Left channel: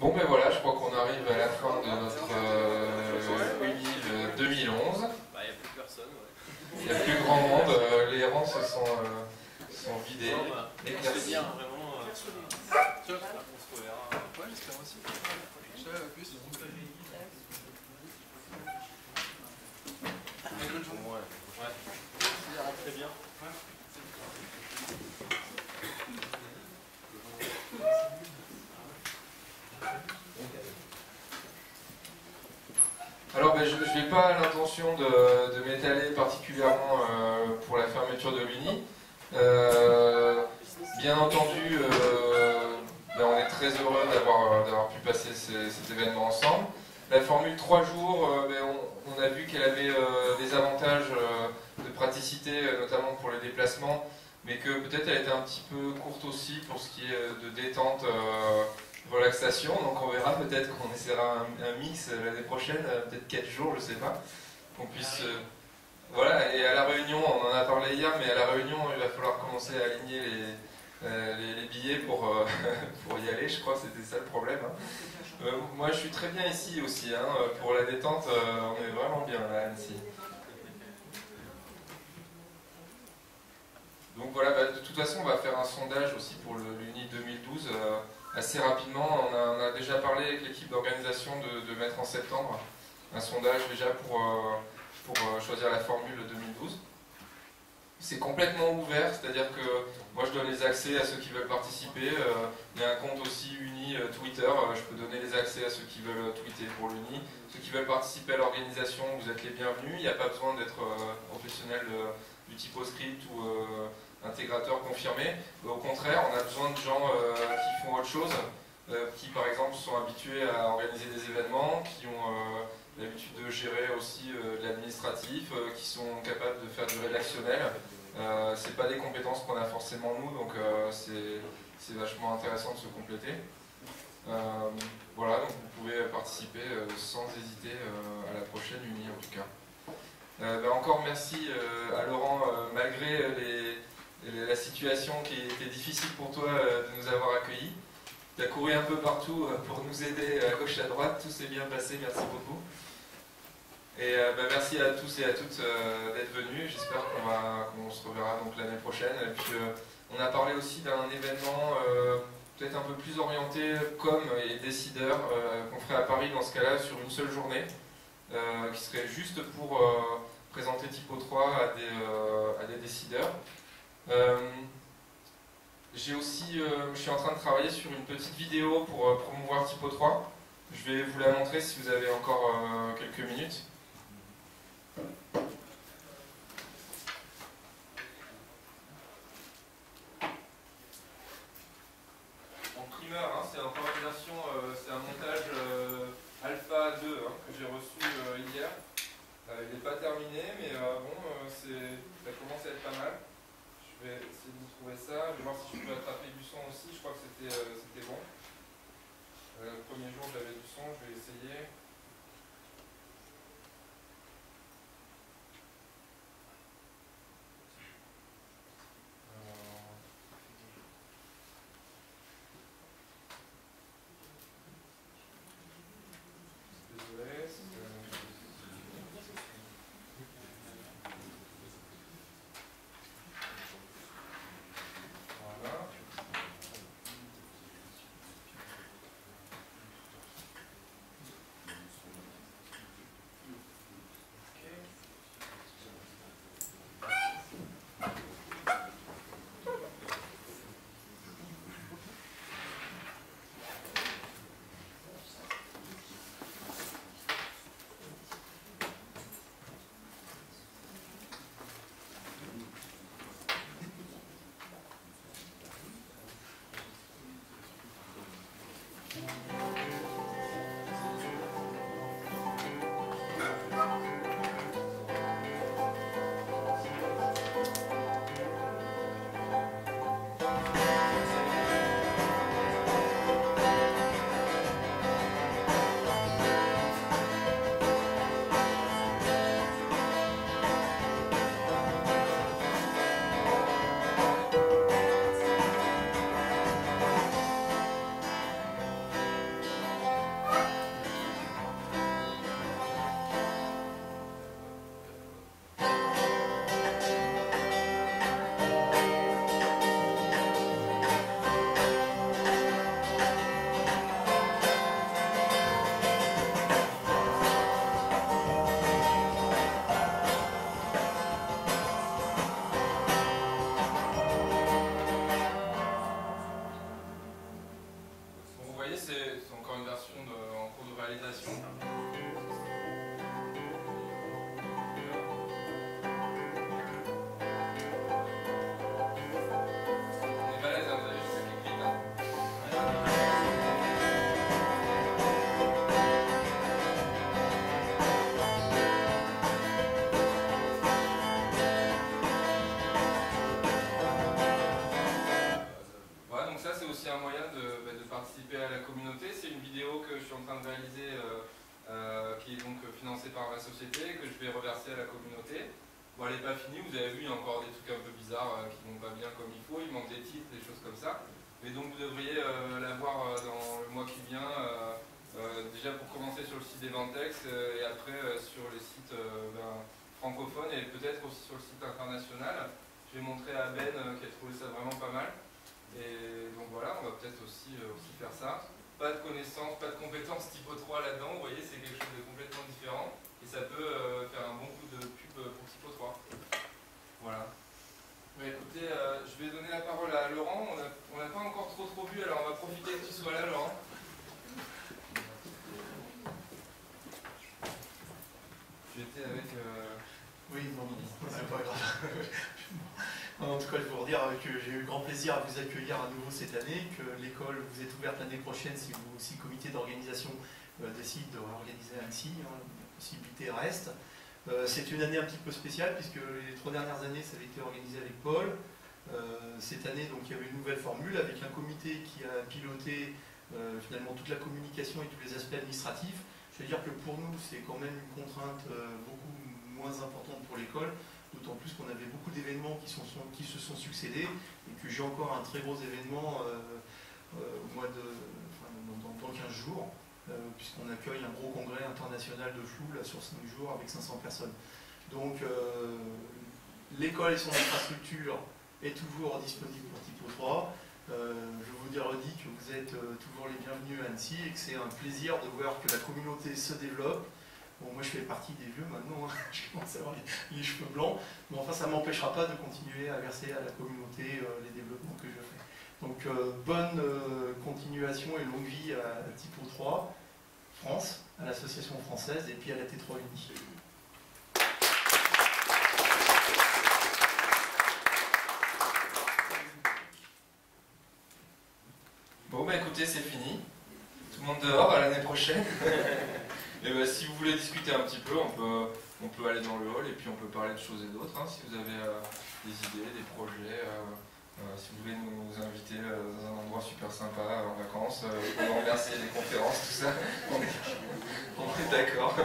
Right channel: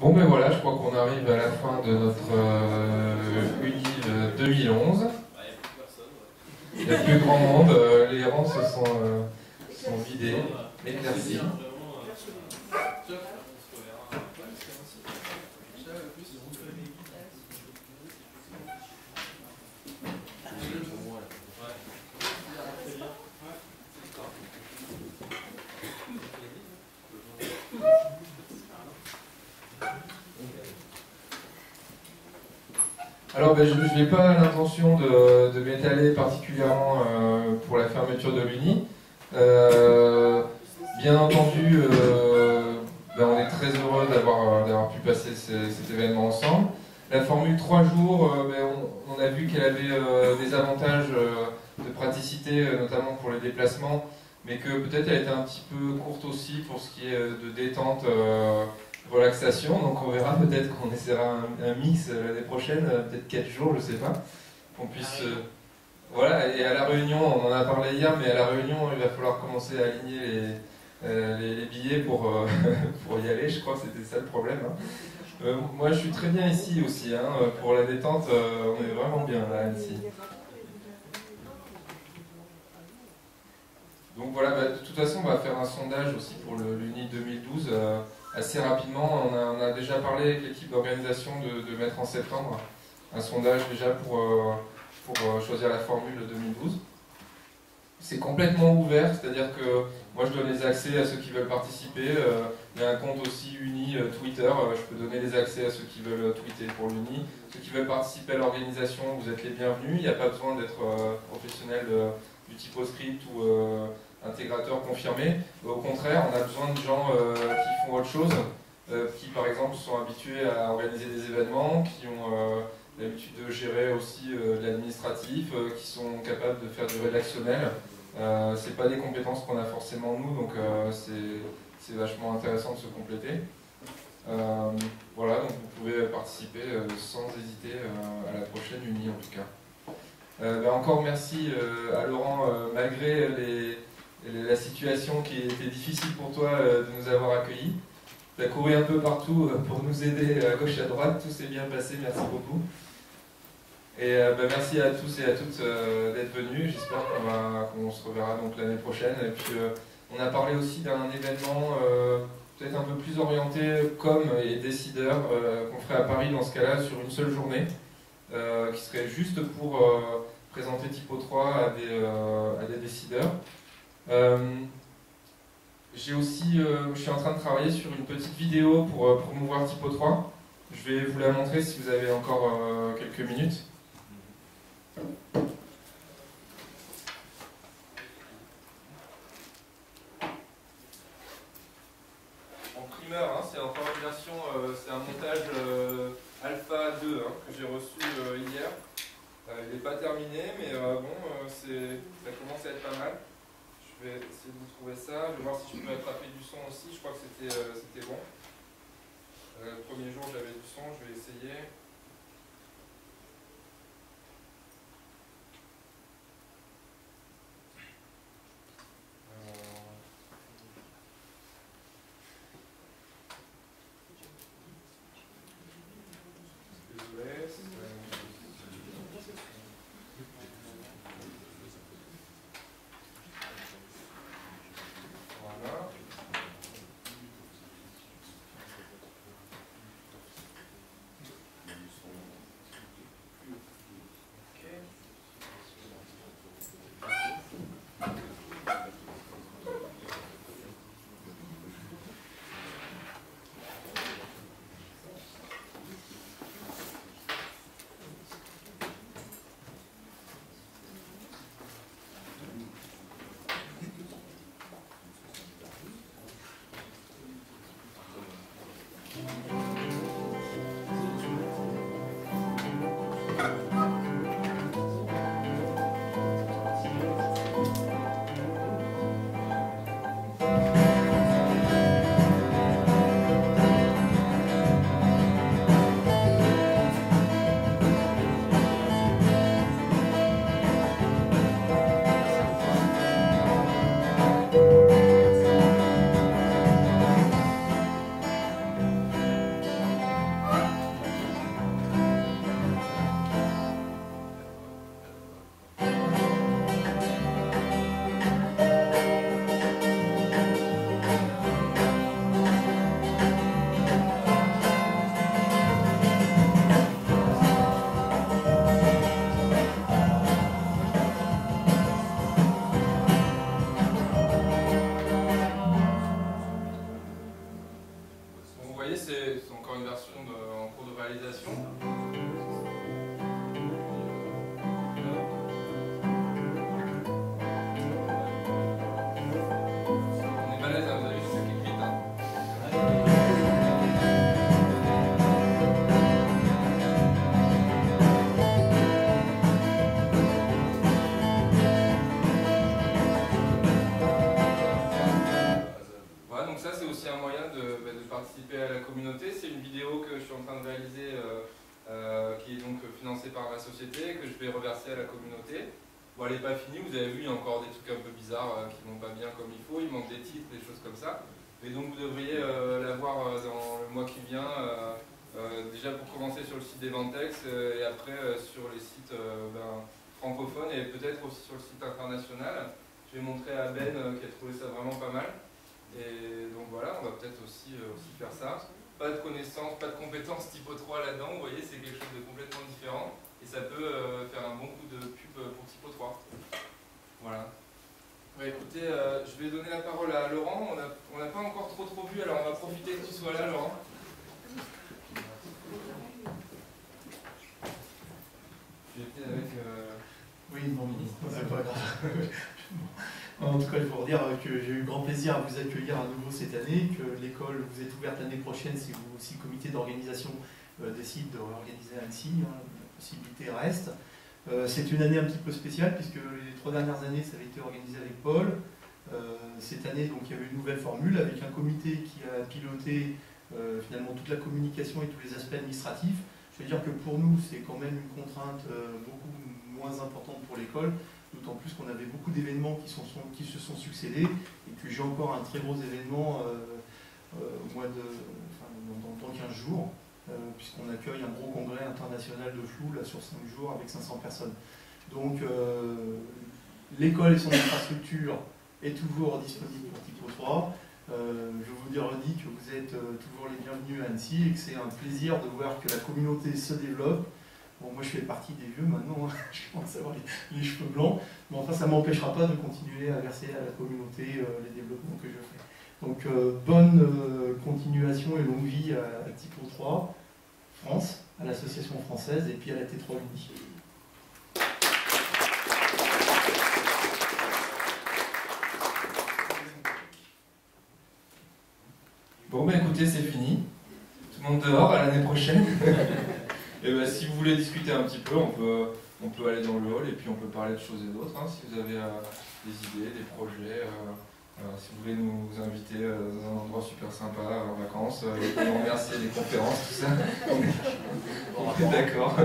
Bon ben voilà, je crois qu'on arrive à la fin de notre Unil 2011. Il n'y a plus grand monde, les rangs sont vidés, éclaircis. Alors ben, je n'ai pas l'intention de m'étaler particulièrement pour la fermeture de l'Uni. Bien entendu, ben, on est très heureux d'avoir pu passer cet événement ensemble. La formule 3 jours, ben, on a vu qu'elle avait des avantages de praticité, notamment pour les déplacements, mais que peut-être elle était un petit peu courte aussi pour ce qui est de détente, relaxation. Donc on verra, peut-être qu'on essaiera un mix l'année prochaine, peut-être 4 jours, je sais pas, qu'on puisse... voilà, et à la Réunion, on en a parlé hier, mais à la Réunion, il va falloir commencer à aligner les billets pour, pour y aller, je crois que c'était ça le problème. Hein. Moi je suis très bien ici aussi, hein. Pour la détente, on est vraiment bien là, à Annecy. Donc voilà, bah, de toute façon on va faire un sondage aussi pour l'Uni 2012 assez rapidement. On a déjà parlé avec l'équipe d'organisation de mettre en septembre un sondage déjà pour choisir la formule 2012. C'est complètement ouvert, c'est-à-dire que moi je donne les accès à ceux qui veulent participer. Il y a un compte aussi Uni Twitter, je peux donner les accès à ceux qui veulent tweeter pour l'Uni. Ceux qui veulent participer à l'organisation, vous êtes les bienvenus. Il n'y a pas besoin d'être professionnel du typoscript ou intégrateur confirmé. Au contraire, on a besoin de gens qui font autre chose, qui par exemple sont habitués à organiser des événements, qui ont l'habitude de gérer aussi de l'administratif, qui sont capables de faire du rédactionnel. C'est pas des compétences qu'on a forcément nous, donc c'est vachement intéressant de se compléter. Voilà, donc vous pouvez participer sans hésiter à la prochaine Uni en tout cas. Ben encore merci à Laurent, malgré la situation qui était difficile pour toi de nous avoir accueillis. Tu as couru un peu partout pour nous aider à gauche et à droite, tout s'est bien passé, merci beaucoup. Et ben merci à tous et à toutes d'être venus, j'espère qu'on se reverra donc l'année prochaine. Et puis on a parlé aussi d'un événement peut-être un peu plus orienté com et décideurs qu'on ferait à Paris dans ce cas-là sur une seule journée, qui serait juste pour présenter Typo 3 à des décideurs. Je suis en train de travailler sur une petite vidéo pour promouvoir Typo 3. Je vais vous la montrer si vous avez encore quelques minutes. En primeur, hein, c'est encore une version, c'est un montage Alpha 2 hein, que j'ai reçu hier. Il n'est pas terminé, mais ça commence à être pas mal. Je vais essayer de vous trouver ça. Je vais voir si je peux attraper du son aussi. Je crois que c'était bon. Le premier jour, j'avais du son. Je vais essayer. Désolé. Voilà. voyez, c'est encore une version en cours de réalisation. On est balèze, hein, vous avez vu, ça clique vite. Hein. Voilà, donc ça c'est aussi un moyen de participer à la communauté. C'est une vidéo que je suis en train de réaliser qui est donc financée par ma société, que je vais reverser à la communauté. Bon, elle n'est pas finie, vous avez vu, il y a encore des trucs un peu bizarres qui ne vont pas bien comme il faut, il manque des titres, des choses comme ça. Mais donc vous devriez la voir dans le mois qui vient, déjà pour commencer sur le site d'Eventex et après sur les sites francophones et peut-être aussi sur le site international. Je vais montrer à Ben qui a trouvé ça vraiment pas mal. Et donc voilà, on va peut-être aussi faire ça. Pas de connaissances, pas de compétences typo 3 là-dedans, vous voyez, c'est quelque chose de complètement différent. Et ça peut faire un bon coup de pub pour typo 3. Voilà. Ouais, écoutez, je vais donner la parole à Laurent. On n'a pas encore trop vu, alors on va profiter que tu sois là, Laurent. J'étais avec... Oui, non, c'est pas grave. En tout cas, je veux vous dire que j'ai eu grand plaisir à vous accueillir à nouveau cette année, que l'école vous est ouverte l'année prochaine si vous, si le comité d'organisation décide d'organiser Annecy, la possibilité reste. C'est une année un petit peu spéciale puisque les 3 dernières années ça avait été organisé avec Paul. Cette année donc il y avait une nouvelle formule avec un comité qui a piloté finalement toute la communication et tous les aspects administratifs. Je veux dire que pour nous c'est quand même une contrainte beaucoup moins importante pour l'école. D'autant plus qu'on avait beaucoup d'événements qui se sont succédés et que j'ai encore un très gros événement au mois de, dans 15 jours, puisqu'on accueille un gros congrès international de flou là, sur 5 jours avec 500 personnes. Donc l'école et son infrastructure est toujours disponible pour Typo 3. Je vous redis que vous êtes toujours les bienvenus à Annecy et que c'est un plaisir de voir que la communauté se développe. Bon, moi je fais partie des vieux maintenant, hein. Je commence à avoir les cheveux blancs, mais enfin ça ne m'empêchera pas de continuer à verser à la communauté les développements que je fais. Donc bonne continuation et longue vie à Typo 3 France, à l'association française et puis à la T3 Uni. Bon, bah écoutez, c'est fini. Tout le monde dehors, à l'année prochaine. Et bah, si vous voulez discuter un petit peu, on peut aller dans le hall et puis on peut parler de choses et d'autres. Hein, si vous avez des idées, des projets, si vous voulez nous inviter dans un endroit super sympa en vacances, on remercie les conférences, tout ça. On est d'accord.